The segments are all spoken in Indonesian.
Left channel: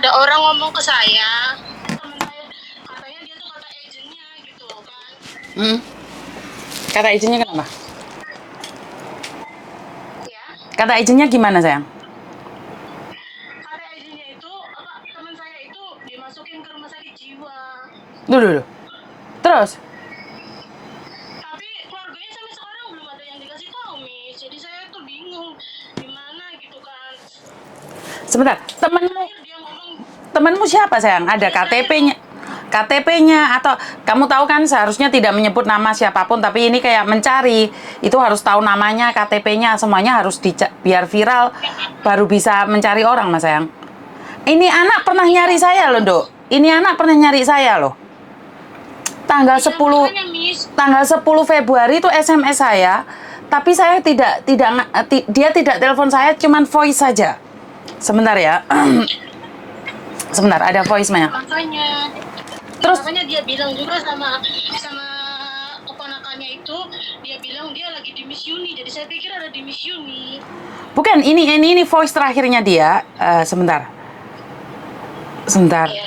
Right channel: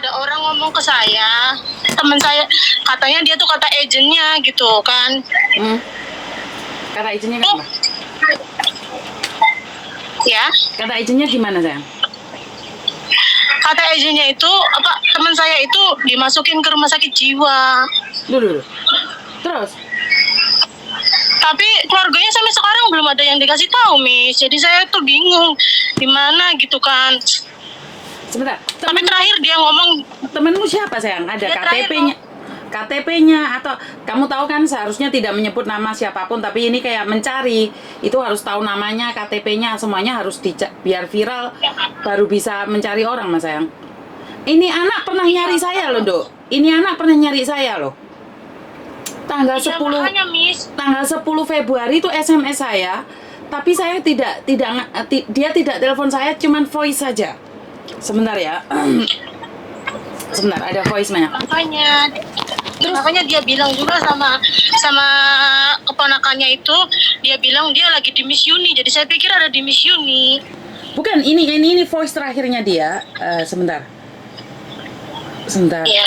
ada orang ngomong ke saya, teman saya, katanya dia tuh kata agennya gitu kan. Kata agennya kenapa? Ya, Kata agennya gimana sayang? kata agennya itu apa, teman saya itu dimasukin ke rumah sakit jiwa. Dulu. Terus? Tapi keluarganya sampai sekarang belum ada yang dikasih tahu, Miss. Jadi saya tuh bingung gimana gitu kan. Sebentar. Tapi terakhir dia ngomong, Temenmu siapa sayang? Ada Ya, KTP-nya? KTP-nya atau kamu tahu kan seharusnya tidak menyebut nama siapapun, tapi ini kayak mencari itu harus tahu namanya, KTP-nya, semuanya harus biar viral baru bisa mencari orang mas sayang. Ini anak pernah nyari saya loh Dok. Ini anak pernah nyari saya loh. Tanggal 10 makanya, Miss. tanggal 10 Februari itu SMS saya, tapi saya dia tidak telepon saya, cuman voice saja. Sebentar ya. Sebentar, ada voice-nya. Makanya dia bilang juga sama keponakannya itu, dia bilang dia lagi di Miss Yuni. Jadi saya pikir ada di Miss Yuni. Bukan, ini voice terakhirnya dia. Sebentar. Iya.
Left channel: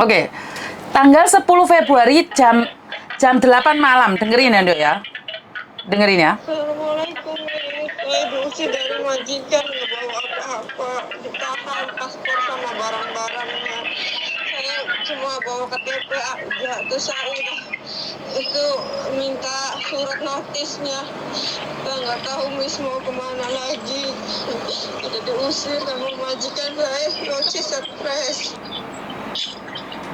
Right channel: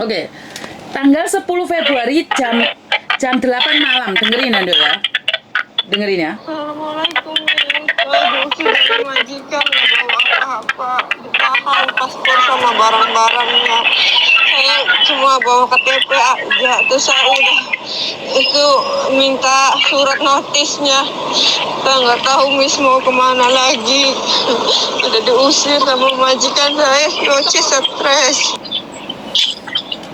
Oke. Tanggal 10 Februari jam 8 malam. Dengerin Ando ya. Dengerin ya. Assalamualaikum. Saya diusir dari majikan, nggak bawa apa-apa, ditahan paspor sama barang-barangnya. Saya cuma bawa KTP aja, terus saya udah itu minta surat notisnya. Saya nggak tahu Miss mau kemana lagi. Udah diusir sama majikan saya, Yoci stres.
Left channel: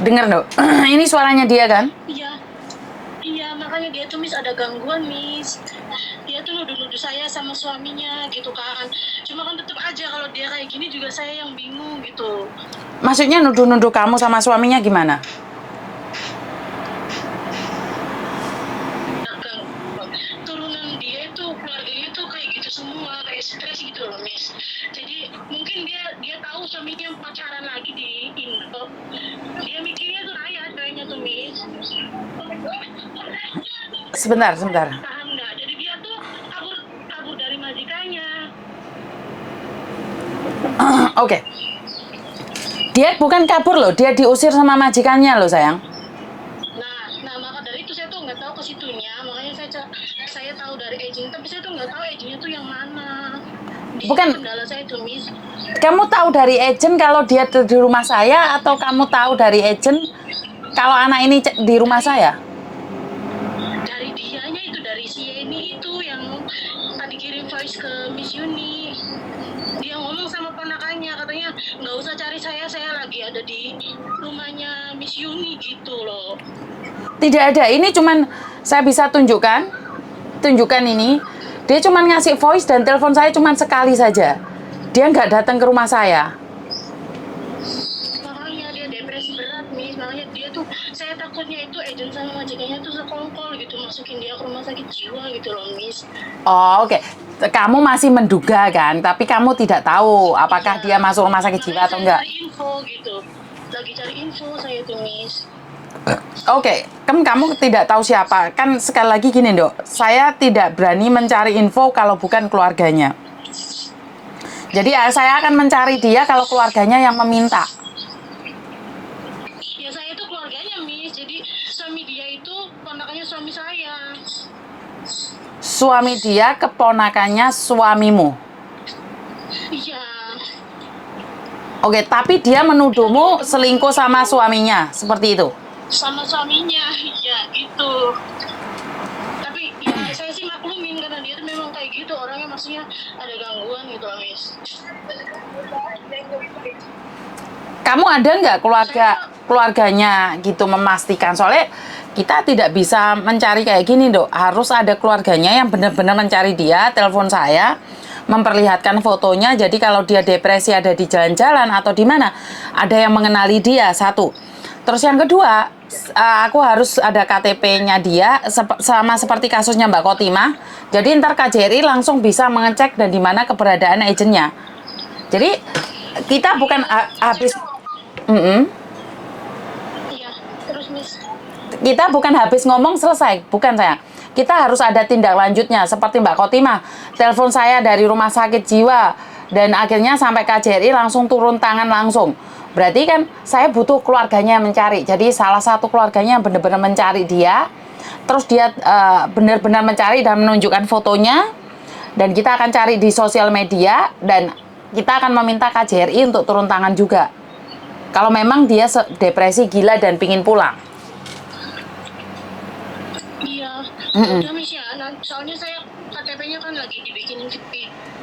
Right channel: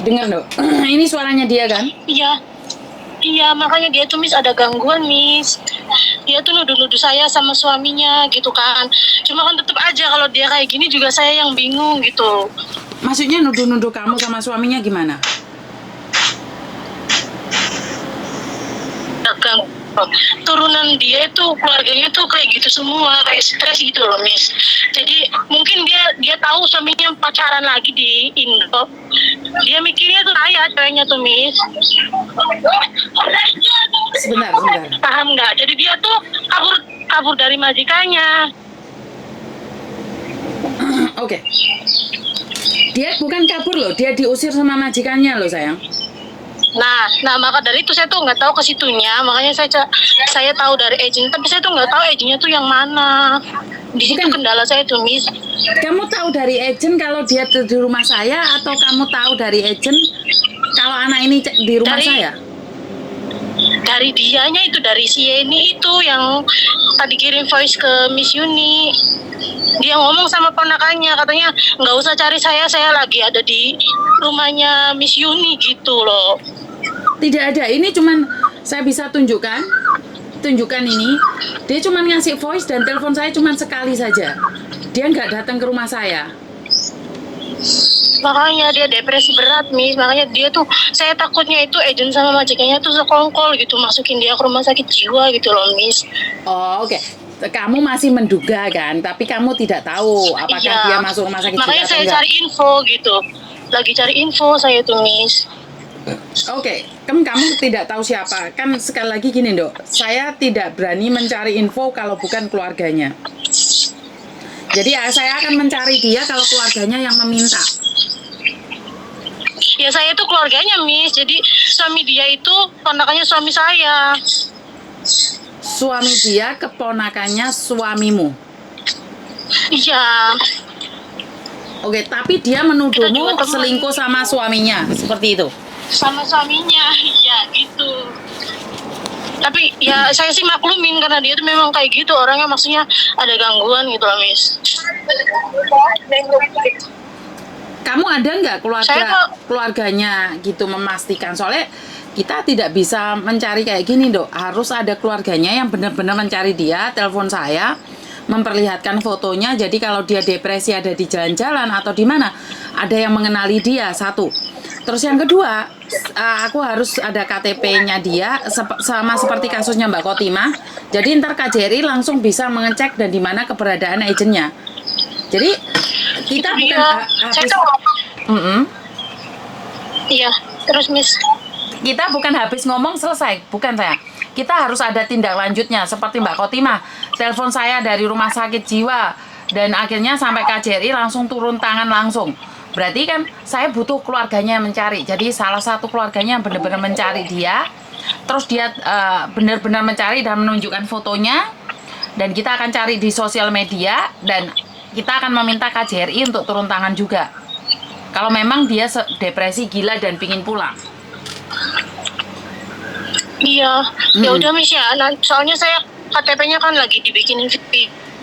Dengar Dok. Ini suaranya dia kan? Iya, makanya dia tuh Miss ada gangguan, Miss. Dia tuh nuduh-nuduh saya sama suaminya gitu kan. Cuma kan tetap aja kalau dia kayak gini juga saya yang bingung gitu. Maksudnya nuduh-nuduh kamu sama suaminya gimana? Turunan dia itu, keluarganya tuh kayak gitu semua, kayak stres gitu loh, Miss. Jadi mungkin dia tahu suaminya pacaran lagi di Indo. Dia mikirnya tuh saya ceweknya tuh, Miss. Sebentar. Paham nggak? Jadi dia tuh kabur dari majikannya. Oke. Dia bukan kabur loh, dia diusir sama majikannya loh sayang. Nah maka dari itu saya tuh nggak tahu ke situnya, makanya saya tahu dari agent, tapi saya tuh nggak tahu agentnya tuh yang mana. Di situ kendala saya tuh, Miss. Kamu tahu dari agent kalau dia di rumah saya, atau kamu tahu dari agent kalau anak ini di rumah saya? Dari dianya itu, dari si Yeni itu yang tadi kirim voice ke Miss Yuni. Dia ngomong sama ponakannya, katanya nggak usah cari saya lagi ada di rumahnya Miss Yuni gitu loh. Tidak ada, ini cuman saya bisa tunjukkan ini. Dia cuman ngasih voice dan telepon saya cuman sekali saja. Dia nggak datang ke rumah saya. Makanya dia depresi berat, Miss. Makanya dia tuh, saya takutnya itu agent sama majikannya tuh sekongkol gitu, masukin dia ke rumah sakit jiwa gitu loh, Miss. Oh, oke. Kamu masih menduga kan, tapi kamu tidak tahu apakah dia masuk rumah sakit jiwa atau enggak. Makanya saya cari info gitu. Lagi cari info saya tuh, Miss. Oke, kamu tidak tahu siapa. Kan sekali lagi gini, Dok. Saya tidak berani mencari info kalau bukan keluarganya. Jadi saya akan mencari dia kalau keluarganya yang meminta. Ya saya tuh keluarganya, Miss. Jadi suami dia itu ponakannya suami saya. Suami dia keponakannya suamimu? Iya. Oke, tapi dia menuduhmu selingkuh sama suaminya, seperti itu? Sama suaminya, iya gitu. Tapi ya saya sih maklumin karena dia tuh memang kayak gitu orangnya, maksudnya ada gangguan gitu loh, Miss. Kamu ada nggak keluarganya gitu memastikan? Soalnya kita tidak bisa mencari kayak gini, Dok. Harus ada keluarganya yang benar-benar mencari dia, telepon saya, memperlihatkan fotonya. Jadi kalau dia depresi ada di jalan-jalan atau di mana, ada yang mengenali dia, satu. Terus yang kedua, aku harus ada KTP-nya dia, sama seperti kasusnya Mbak Kotimah. Jadi ntar KJRI langsung bisa mengecek dan di mana keberadaan agennya. Jadi kita bukan habis. Iya, terus Miss. Kita bukan habis ngomong selesai, bukan sayang. Kita harus ada tindak lanjutnya seperti Mbak Kotimah. Telepon saya dari rumah sakit jiwa Dan akhirnya sampai KJRI langsung turun tangan langsung. Berarti kan saya butuh keluarganya yang mencari. Jadi salah satu keluarganya yang benar-benar mencari dia. Terus dia benar-benar mencari dan menunjukkan fotonya. Dan kita akan cari di sosial media. Dan kita akan meminta KJRI untuk turun tangan juga. Kalau memang dia depresi gila dan pingin pulang. Iya, ya udah Miss ya. Soalnya saya KTP-nya kan lagi dibikinin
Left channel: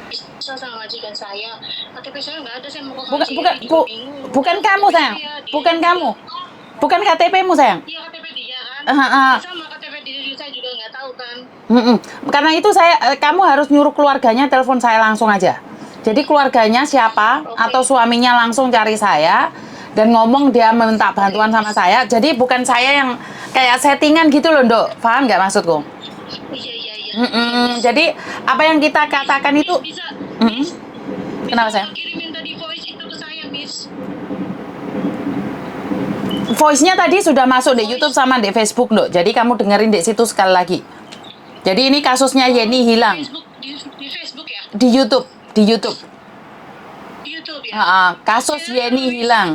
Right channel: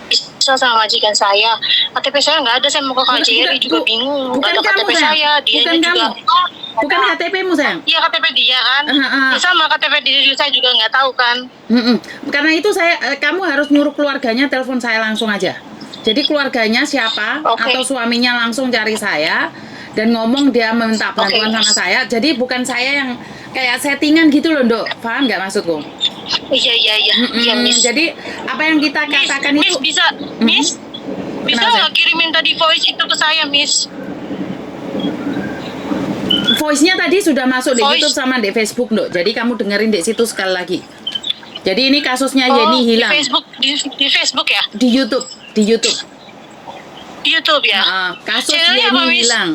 bisa sama majikan saya. KTP saya nggak ada, saya mau ke KJRI juga bingung. Bukan Nggak ada kamu, KTP sayang. saya, dianya Bukan juga. kamu. Bukan KTP-mu, sayang. Iya KTP dia kan. Ya sama KTP diri saya juga nggak tahu kan. Karena itu kamu harus nyuruh keluarganya telepon saya langsung aja. Jadi keluarganya siapa atau suaminya langsung cari saya dan ngomong dia meminta bantuan sama saya. Jadi bukan saya yang kayak settingan gitu loh, Dok. Paham nggak maksudku? Iya, Miss. Jadi apa yang kita katakan itu Miss bisa Kenapa, nggak kirimin tadi voice itu ke saya, Miss? voice-nya tadi sudah masuk di Voice. YouTube sama di Facebook, Dok. Jadi kamu dengerin di situ sekali lagi. Jadi ini kasusnya Yeni hilang Di Facebook ya? di YouTube. Di YouTube ya? Kasus Channelnya Yeni apa, Miss? hilang.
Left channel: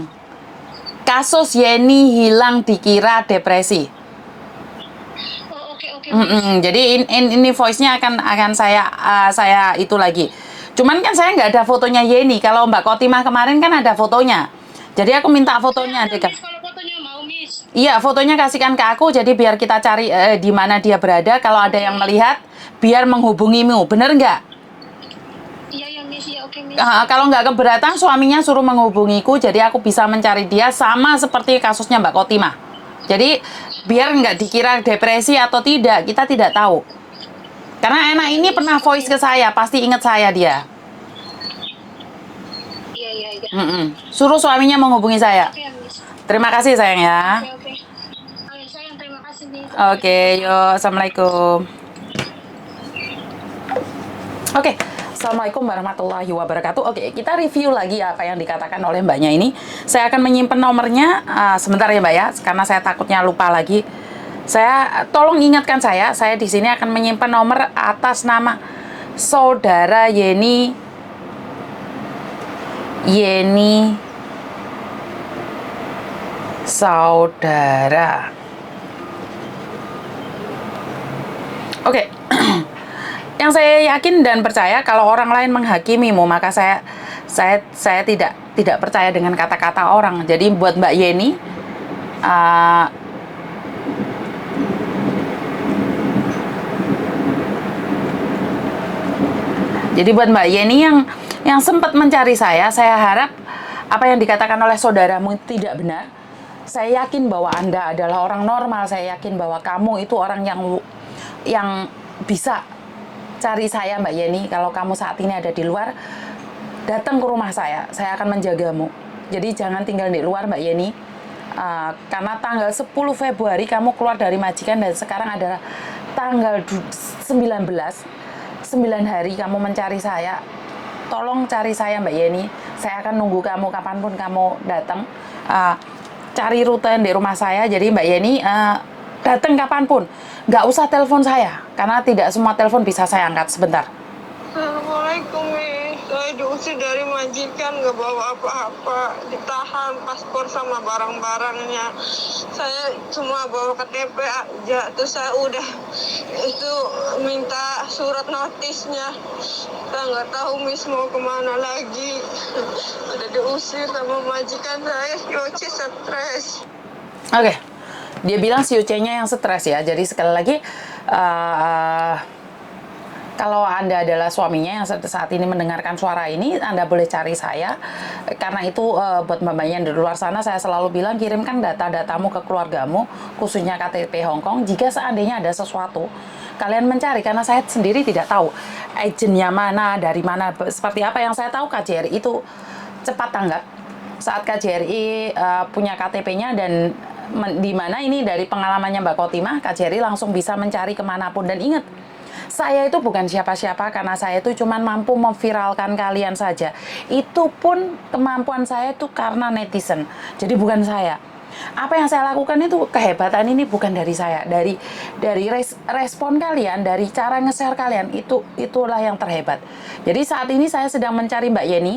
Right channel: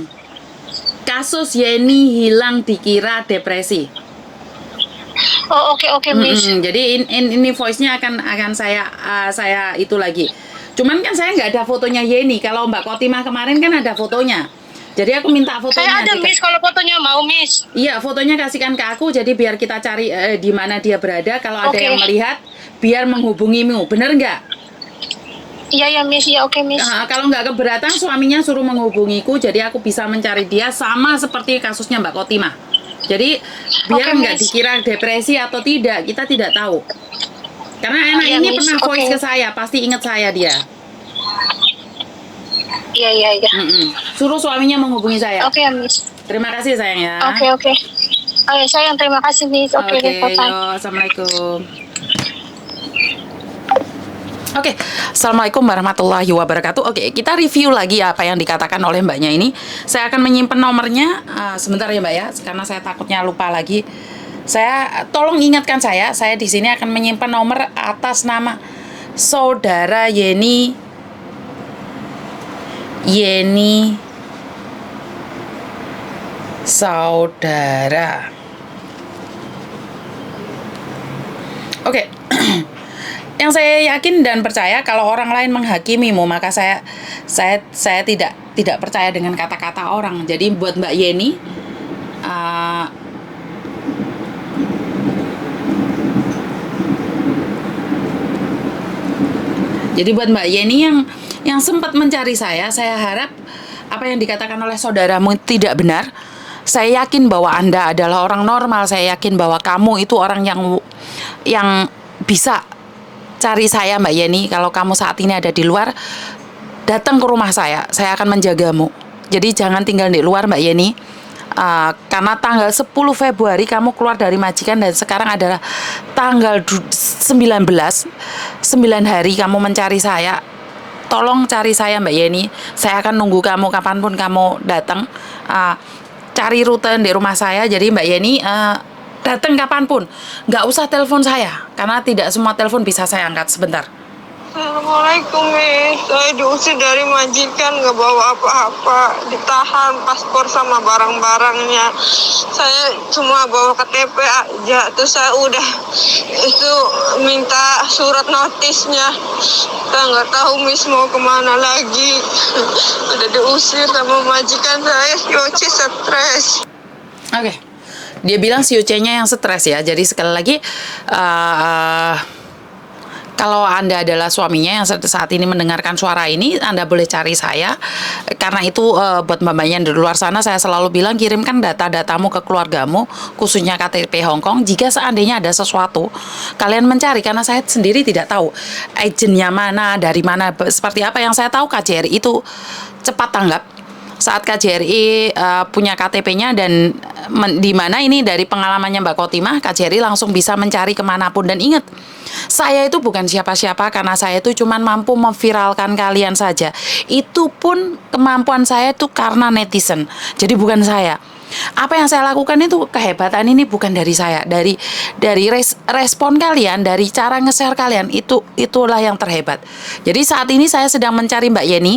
Kasus Yeni hilang dikira depresi. Oh oke Miss. Jadi ini voice-nya akan saya itu lagi. Cuman kan saya nggak ada fotonya Yeni. Kalau Mbak Kotimah kemarin kan ada fotonya. Jadi aku minta fotonya. Saya ada Miss, kalau fotonya mau Miss. Iya, fotonya kasihkan ke aku. Jadi biar kita cari di mana dia berada. Kalau ada yang melihat, biar menghubungimu. Bener nggak? Iya Miss, ya oke Miss. Kalau nggak keberatan, suaminya suruh menghubungiku. Jadi aku bisa mencari dia sama seperti kasusnya Mbak Kotimah. Jadi biar nggak dikira depresi atau tidak, kita tidak tahu. Karena anak ini pernah voice ke saya, pasti ingat saya dia. Iya. Suruh suaminya menghubungi saya. Oke Miss. Terima kasih sayang ya. Oke. Oh ya sayang, terima kasih Miss. Oke, yuk, assalamualaikum. Oke, assalamualaikum warahmatullahi wabarakatuh. Oke, kita review lagi apa yang dikatakan oleh mbaknya ini. Saya akan menyimpan nomornya sebentar ya mbak ya, karena saya takutnya lupa lagi. Saya tolong ingatkan saya di sini akan menyimpan nomor atas nama saudara Yeni saudara. Oke. Yang saya yakin dan percaya kalau orang lain menghakimimu, maka saya tidak percaya dengan kata-kata orang. Jadi buat Mbak Yeni, yang sempat mencari saya harap apa yang dikatakan oleh saudaramu tidak benar. Saya yakin bahwa Anda adalah orang normal. Saya yakin bahwa kamu itu orang yang bisa cari saya Mbak Yeni. Kalau kamu saat ini ada di luar, datang ke rumah saya akan menjagamu. Jadi jangan tinggal di luar Mbak Yeni. Karena tanggal 10 Februari kamu keluar dari majikan dan sekarang adalah tanggal 19, 9 hari kamu mencari saya. Tolong cari saya Mbak Yeni. Saya akan nunggu kamu kapanpun kamu datang. Cari rute di rumah saya. Jadi Mbak Yeni datang kapanpun, nggak usah telepon saya, karena tidak semua telepon bisa saya angkat. Sebentar. Assalamualaikum, Miss. Saya diusir dari majikan, nggak bawa apa-apa, ditahan paspor sama barang-barangnya. Saya cuma bawa KTP aja, terus saya udah itu minta surat notisnya. Saya nggak tahu Miss mau kemana lagi. Udah diusir sama majikan saya, Yoci stres. Oke. Dia bilang si Uce-nya yang stres ya. Jadi sekali lagi, kalau Anda adalah suaminya yang saat ini mendengarkan suara ini, Anda boleh cari saya. Karena itu buat mbak-mbaknya di luar sana, saya selalu bilang kirimkan data-datamu ke keluargamu, khususnya KTP Hong Kong. Jika seandainya ada sesuatu, kalian mencari. Karena saya sendiri tidak tahu agennya mana, dari mana, seperti apa. Yang saya tahu KJRI itu cepat tanggap. Saat KJRI punya KTP-nya dan di mana ini dari pengalamannya Mbak Kotimah, KJRI langsung bisa mencari kemanapun. Dan ingat, saya itu bukan siapa-siapa karena saya itu cuma mampu memviralkan kalian saja. Itu pun kemampuan saya itu karena netizen. Jadi bukan saya. Apa yang saya lakukan itu kehebatan ini bukan dari saya, dari respon kalian, dari cara nge-share kalian, itulah yang terhebat. Jadi saat ini saya sedang mencari Mbak Yeni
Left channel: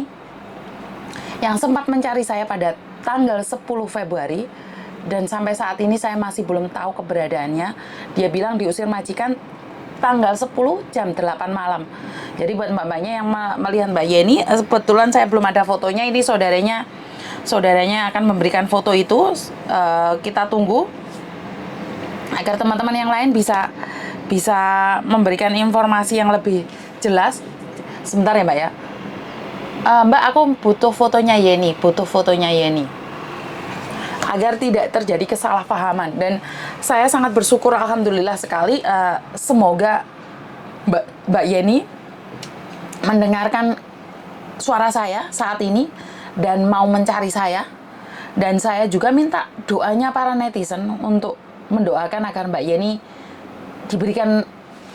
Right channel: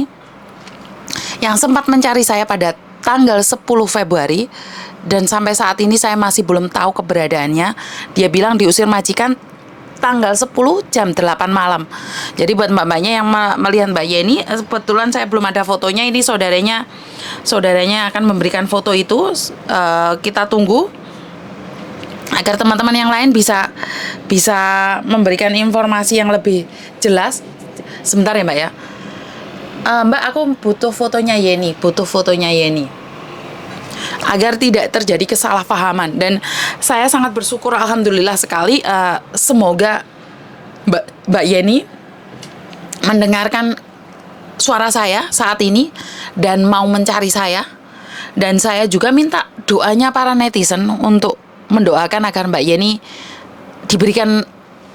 yang sempat mencari saya pada tanggal 10 Februari dan sampai saat ini saya masih belum tahu keberadaannya. Dia bilang diusir majikan tanggal 10 jam 8 malam. Jadi buat mbak-mbaknya yang melihat Mbak Yeni, kebetulan saya belum ada fotonya, ini saudaranya akan memberikan foto itu. Kita tunggu agar teman-teman yang lain bisa memberikan informasi yang lebih jelas. Sebentar ya Mbak ya. Mbak, aku butuh fotonya Yeni, agar tidak terjadi kesalahpahaman. Dan saya sangat bersyukur, alhamdulillah sekali, semoga Mbak Yeni mendengarkan suara saya saat ini dan mau mencari saya. Dan saya juga minta doanya para netizen untuk mendoakan agar Mbak Yeni diberikan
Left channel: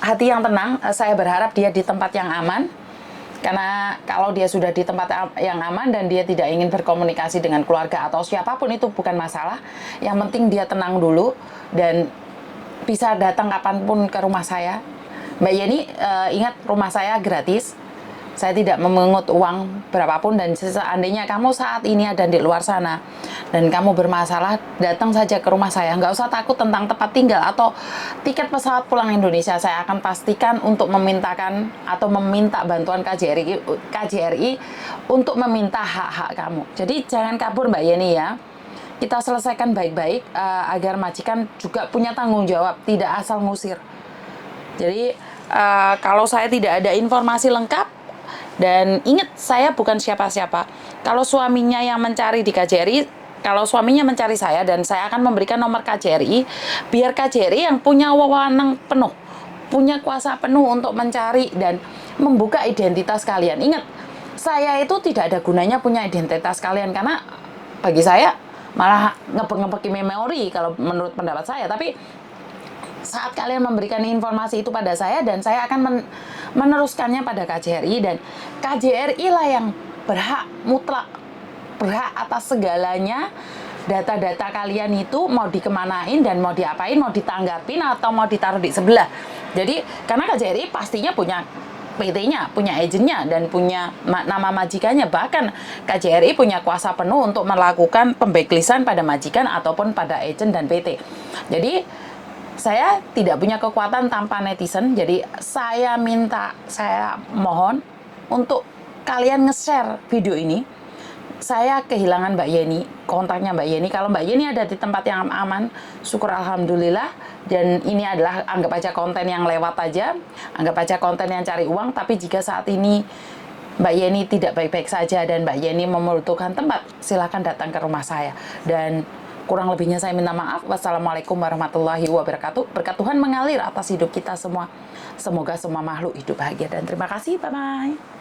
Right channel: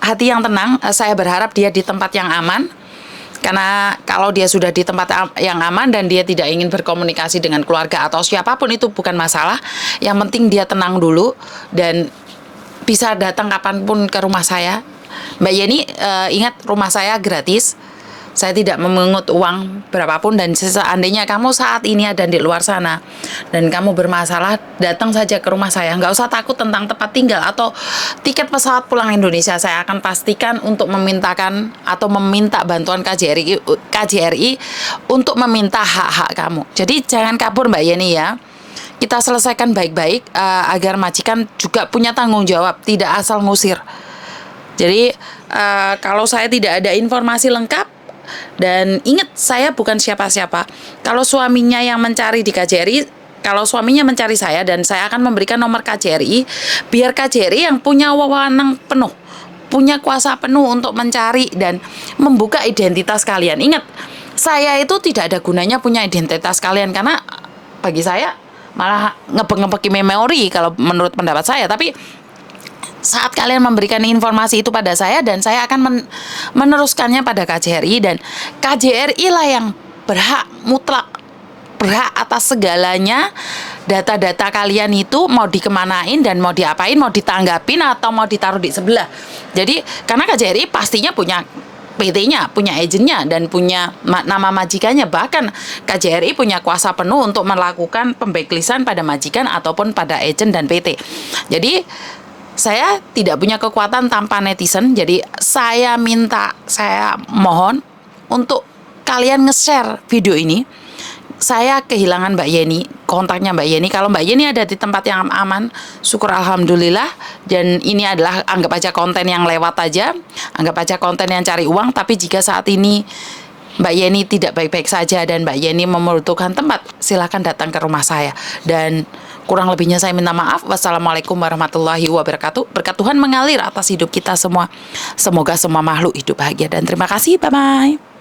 hati yang tenang. Saya berharap dia di tempat yang aman. Karena kalau dia sudah di tempat yang aman dan dia tidak ingin berkomunikasi dengan keluarga atau siapapun, itu bukan masalah. Yang penting dia tenang dulu dan bisa datang kapanpun ke rumah saya. Mbak Yeni, ingat rumah saya gratis. Saya tidak memungut uang berapapun, dan seandainya kamu saat ini ada di luar sana dan kamu bermasalah, datang saja ke rumah saya. Nggak usah takut tentang tempat tinggal atau tiket pesawat pulang Indonesia. Saya akan pastikan untuk meminta bantuan KJRI untuk meminta hak-hak kamu. Jadi jangan kabur Mbak Yeni ya. Kita selesaikan baik-baik agar majikan juga punya tanggung jawab, tidak asal ngusir. Jadi kalau saya tidak ada informasi lengkap, dan ingat, saya bukan siapa-siapa. Kalau suaminya yang mencari di KJRI, kalau suaminya mencari saya dan saya akan memberikan nomor KJRI, biar KJRI yang punya wewenang penuh, punya kuasa penuh untuk mencari dan membuka identitas kalian. Ingat, saya itu tidak ada gunanya punya identitas kalian, karena bagi saya malah ngebek-ngebeki memori kalau menurut pendapat saya. Tapi saat kalian memberikan informasi itu pada saya, dan saya akan meneruskannya pada KJRI, dan KJRI lah yang mutlak berhak atas segalanya. Data-data kalian itu mau dikemanain dan mau diapain, mau ditanggapin atau mau ditaruh di sebelah. Jadi karena KJRI pastinya punya PT-nya, punya agennya, dan punya nama majikannya. Bahkan KJRI punya kuasa penuh untuk melakukan pembacklistan pada majikan ataupun pada agen dan PT. Jadi saya tidak punya kekuatan tanpa netizen. Jadi saya mohon untuk kalian nge-share video ini. Saya kehilangan Mbak Yeni, kontaknya Mbak Yeni. Kalau Mbak Yeni ada di tempat yang aman, syukur alhamdulillah. Dan ini adalah anggap aja konten yang lewat aja, anggap aja konten yang cari uang. Tapi jika saat ini Mbak Yeni tidak baik-baik saja dan Mbak Yeni membutuhkan tempat, silakan datang ke rumah saya. Dan kurang lebihnya saya minta maaf. Wassalamualaikum warahmatullahi wabarakatuh. Berkat Tuhan mengalir atas hidup kita semua. Semoga semua makhluk hidup bahagia dan terima kasih. Bye-bye.